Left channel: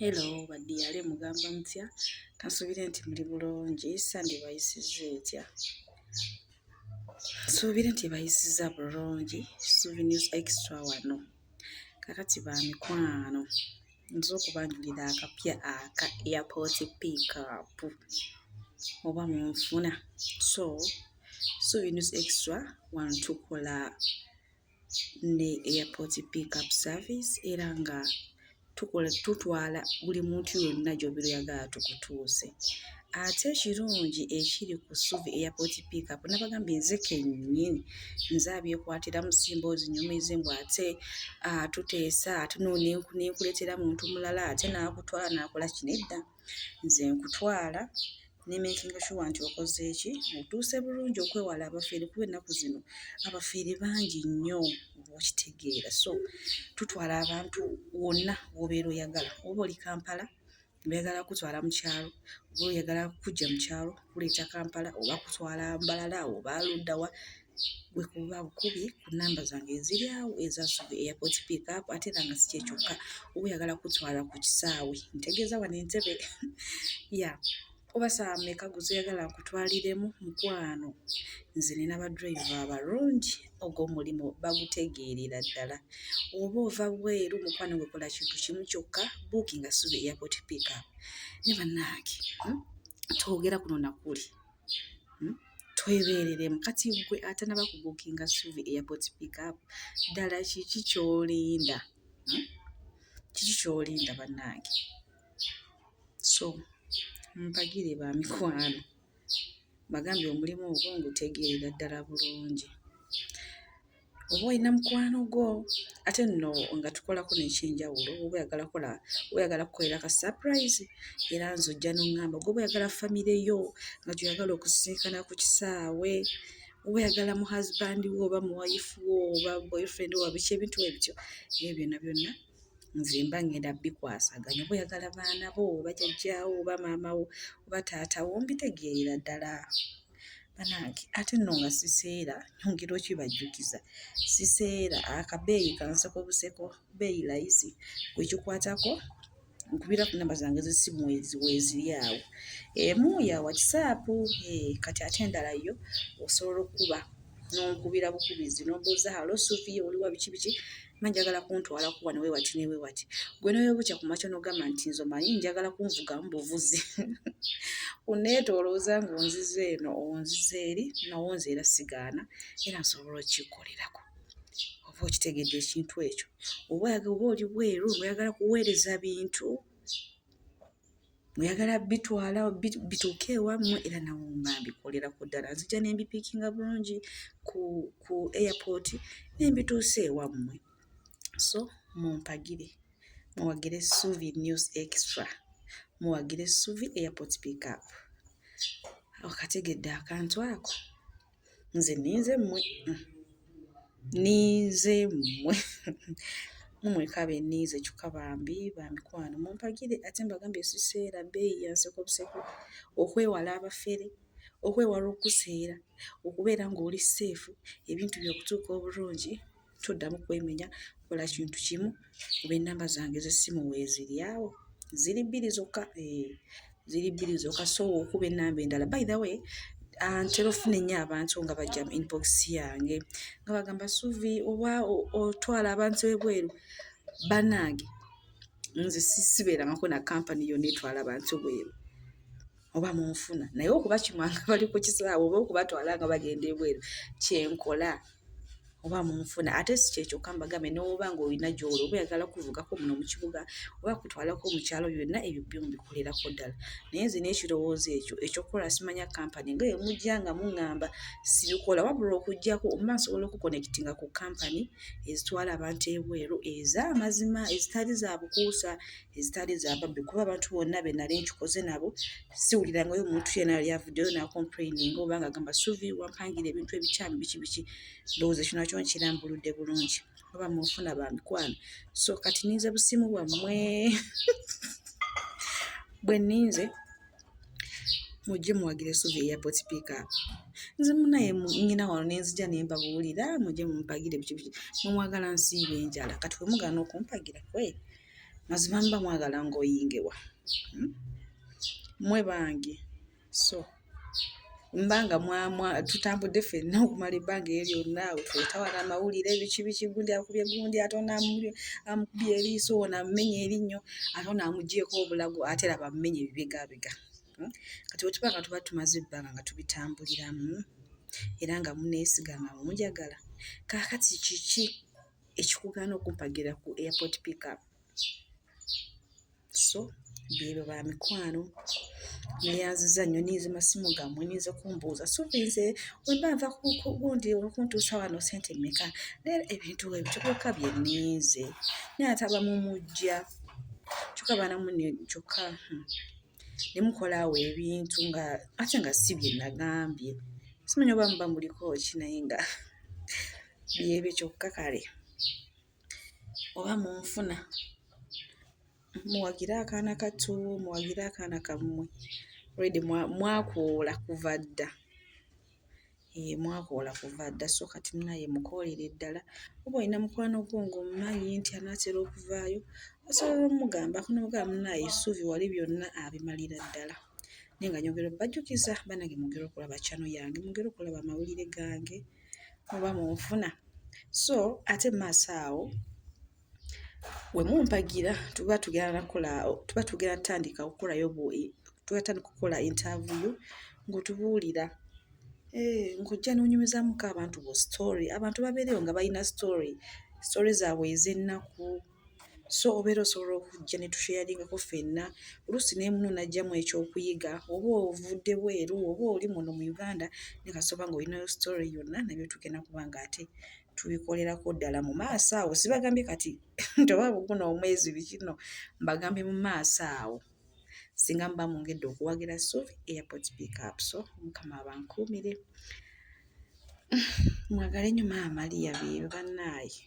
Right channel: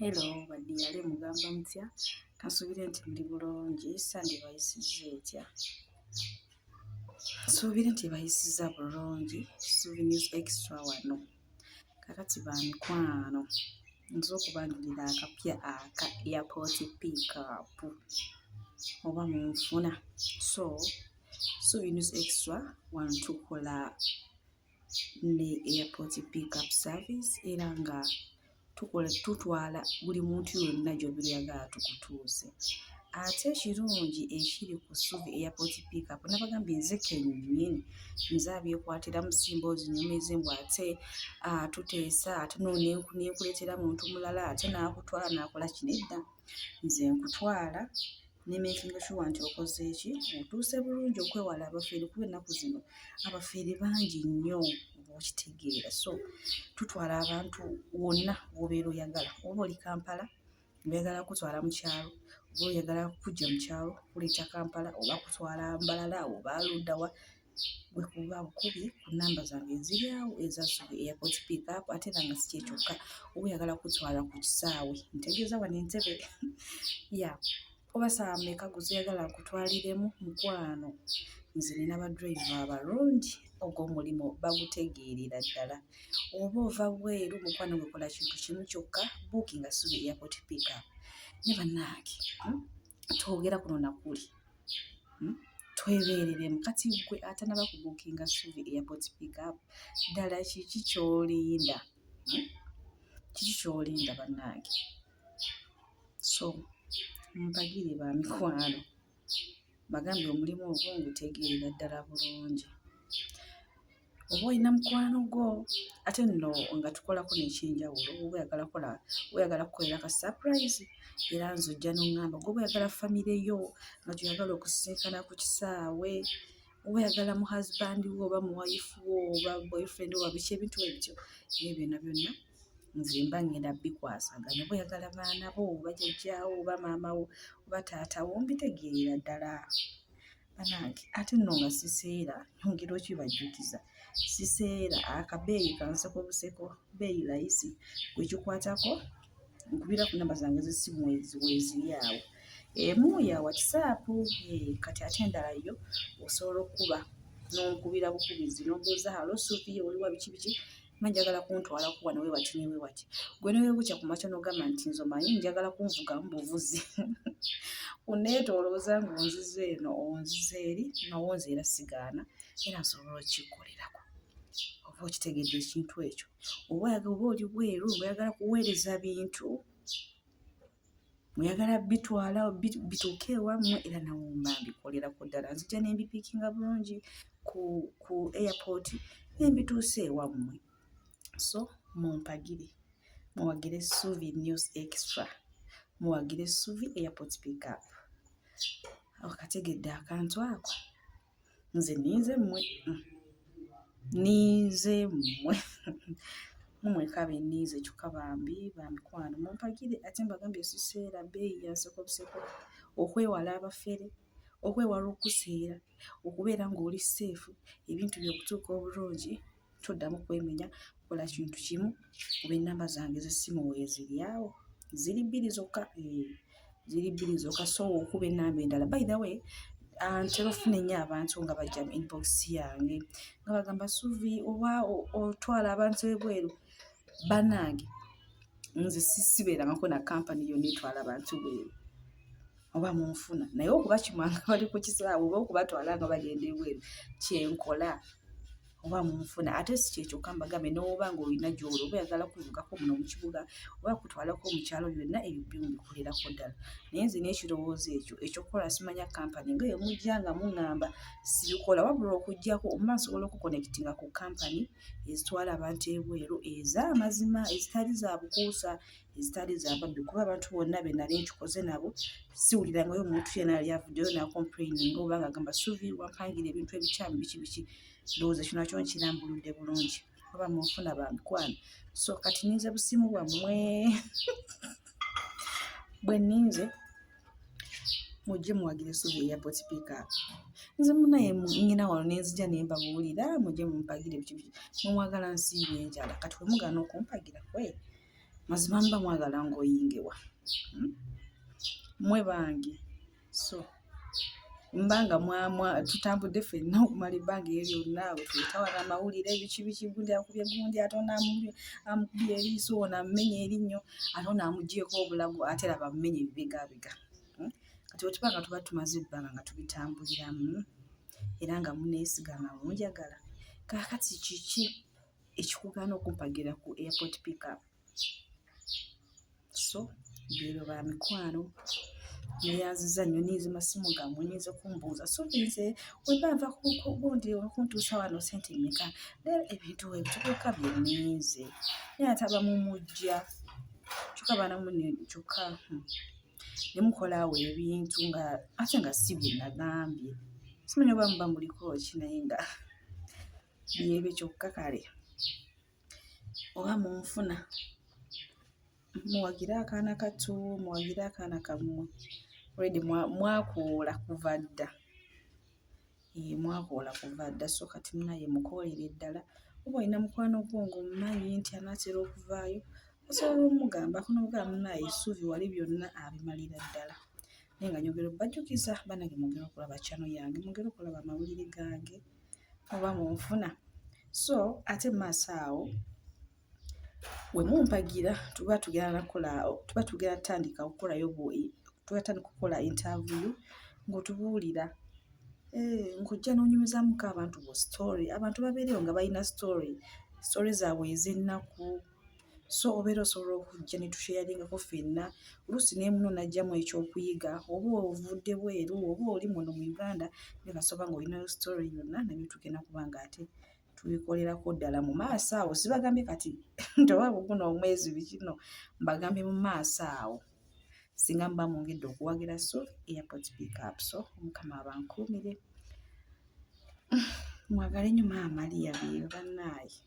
Hello badiyale mugamba mutya kansuubire nti muli bulungi sandi bayisizza etya nsuubire nti bayisizza bulungi Suvi News Extra wano kakati ba mikwano nza okubanjulira akapya aka airport pickup oba munfuna so Suvi News Extra wano tukola ne airport pickup service era nga tutwala buli muntu yonna gy'obeera tukutuuse. Ate ekirungi ekiri ku Suvi Airport Pickup nabagambye nze kennyini nze abyekwatiramu simboozi nnyumize mbw ate tuteesa ate n'ekuleetera muntu mulala ate n'akutwala n'akola kino edda nze nkutwala ne makinga sure nti okoze eki otuuse bulungi okwewala abafeere kuba ennaku zino abafeere bangi nnyo okitegeera so tutwala abantu wonna w'obeera oyagala oba oli Kampala oyagala kutwala mu kyalo oba oyagala kujja mu kyalo kuleeta Kampala oba kutwala Mbalala oba Luddawa gwe kuba bukubi ku nnamba zange eziri awo eza Suvi Airport Pickup ate era nga si kye kyokka oba oyagala kutwala ku kisaawe ntegeeza wano Entebbe ya oba saa mmeka guzeyagala nkutwaliremu mukwano nze nina badriver abalungi ogw'omulimu bagutegeerera ddala oba ova bweru mukwano gwe kola kintu kimu kyokka bookinga Suvi Airport Pickup ne bannange twogera kuno nakuli twebeereremu kati gwe atanaba ku bookinga Suvi Airport Pickup ddala kiki ky'olinda kiki ky'olinda bannange so mpagire ba mikwano bagambye omulimu ogwo ngutegeerera ddala bulungi oba olina mukwano gwo ate nno nga tukolako n'ekyenjawulo oba oyagala kukolera ka surprise era nze ojja n'oŋŋamba gwe oyagala famire yo nga gy'oyagala okusisinkana ku kisaawe oba oyagala mu husband wo oba mu wife wo oba boyfriend wo biki ebintu ebityo ebyo byonna nze mba ngenda bikwasaganya oba oyagala baana bo oba jjajjaawo oba maama wo oba taata wo mbitegeerera ddala banange ate nno nga siseera nyongera okibajjukiza siseera akabeeyi kanseko buseko beeyi layisi gwekikwatako nkubira ku nnamba zange z'essimu weeziri awo emu ya WhatsApp kati ate endala yo osobola okuba n'onkubira bukubizi n'ombuuza halo Suvi oliwa biki biki manjagala kuntwalako wano wewati ne wewati gwe newebukya ku makya n'ogamba nti nze omanyi njagala kunvugamu buvuzi uneetoolooza ng'onzize eno onzize eri nawo nze era sigaana era nsobola okukikolerako oba okitegedde ekintu ekyo oba oli bweru oyagala kuweereza bintu oyagala bitwala bituuke ewammwe era nawo mba mbikolerako ddala nzija ne mbipiikinga bulungi ku airport ne mbituusa ewammwe so mumpagire muwagire Suvi News Extra muwagire Suvi Airport Pickup akategedde akantu ako nze ninze mmwe mumwekabe nniize kyokka bambi bamikwano mumpagire ate mbagambye siseera beeyi yanseko buseko okwewala abafere okwewala okuseera okubeera ng'oli seefu ebintu by'okutuuka obulungi toddamu kwemenya kola kintu kimu kuba ennamba zange z'essimu weeziri awo ziri bbiri zokka so okuba ennamba endala by the way ntera ofuna ennyo abantu nga bajja mu inbox yange nga bagamba Suvi oba otwala abantu ebweru bannange nze sibeerangako na kampani yonna etwala abantu bweru oba munfuna naye okuba kimwanga bali ku kisaawe oba okubatwala nga bagenda ebweru kyenkola oba munfuna ate si kyekyokka mbagambe n'oba ng'olina gy'oli oba oyagala kuvugako muno mu kibuga oba kutwalako mu kyalo byonna ebyo byo mbikolerako ddala naye nze n'ekirowoozo ekyo ekyokukola simanya kampani nga emujja nga muŋŋamba sibikola wabula okuggyako mba nsobola okukonekitinga ku kampani ezitwala abantu ebweru ez'amazima ezitali za bukuusa ezitali za babbi kuba abantu bonna be nali nkikoze nabo siwulirangayo omuntu yenna yali avuddeyo n'acomplaininga oba ng'agamba Suvi wampangira ebintu ebikyamu biki biki ndowooza ekyo nakyo nkirambuludde bulungi oba munfuna ba mikwano so kati ninze busimu bwammwe bwe nninze mujje muwagire Suvi Airport Pickup nze munaye nnyina wano nenzija ne mbabuulira mujje mumpagire biki biki mwe mwagala nsiibe enjala kati we mugaana okumpagira kwe mazima mba mwagala ng'oyingewa mmwe bange. So mbanga tutambudde ffenna okumala ebbanga eryo lyonna, twetawana amawulire biki gundi akubye gundi, ate ono amukubye eriiso, ono amumenye erinnyo, ate ono amugyeko obulago, ate laba amumenye ebibegabega. Kati bwe tuba nga tuba tumaze ebbanga nga tubitambuliramu era nga muneesiga nga munjagala, kaakati kiki ekikugaana okumpagira ku airport pickup? So beebo ba mikwano, neyanziza nnyo niiza masimu gammwe niiza kumbuuza suubize wemba nva gundi okuntuusa wano ssente mmeka, leero ebintu ebitukuuka bye nniize naye ate abamumujja kyokka banamunne kyokka ne mukola awo ebintu nga ate nga si bye nagambye. Simanyi oba muba muliko ki naye nga byebyo kyokka kale oba munfuna muwagire akaana kato, muwagire akaana kammwe already mwakoola kuva dda. Mwakoola kuva dda, so kati munaye mukoolere ddala. Oba olina mukwano gwo ng'omumanyi nti anaatera okuvaayo, osobola omugambako n'omugamba munaye essuubi wali byonna abimalira ddala. Naye nga nyongera obbajjukiza bannange mwongere okulaba channel yange, mwongere okulaba amawulire gange oba munfuna. So ate mu maaso awo we mumpagira tuba tugenda tutandika okukola interview ng'otubuulira ng'ojja n'onyumizamuko abantu bo story. Abantu babeereyo nga balina story zaabwe ez'ennaku. So obeera osobola okujja ne tusheyaringako ffenna. Oluusi naye muno najjamu ekyokuyiga, oba ovudde bweru oba oli muno mu Uganda naye kasooba ng'olinayo story yonna, nabyo tugenda kuba nga ate tubikolerako ddala mu maaso awo. Sibagambye kati nti oba buguno omwezi bikino, mbagambye mu maaso awo singa muba mwongedde okuwagira Suuvi airport pickup. So Mukama abankuumire. Mwagale nnyo Maama Maria beebo bannaaye.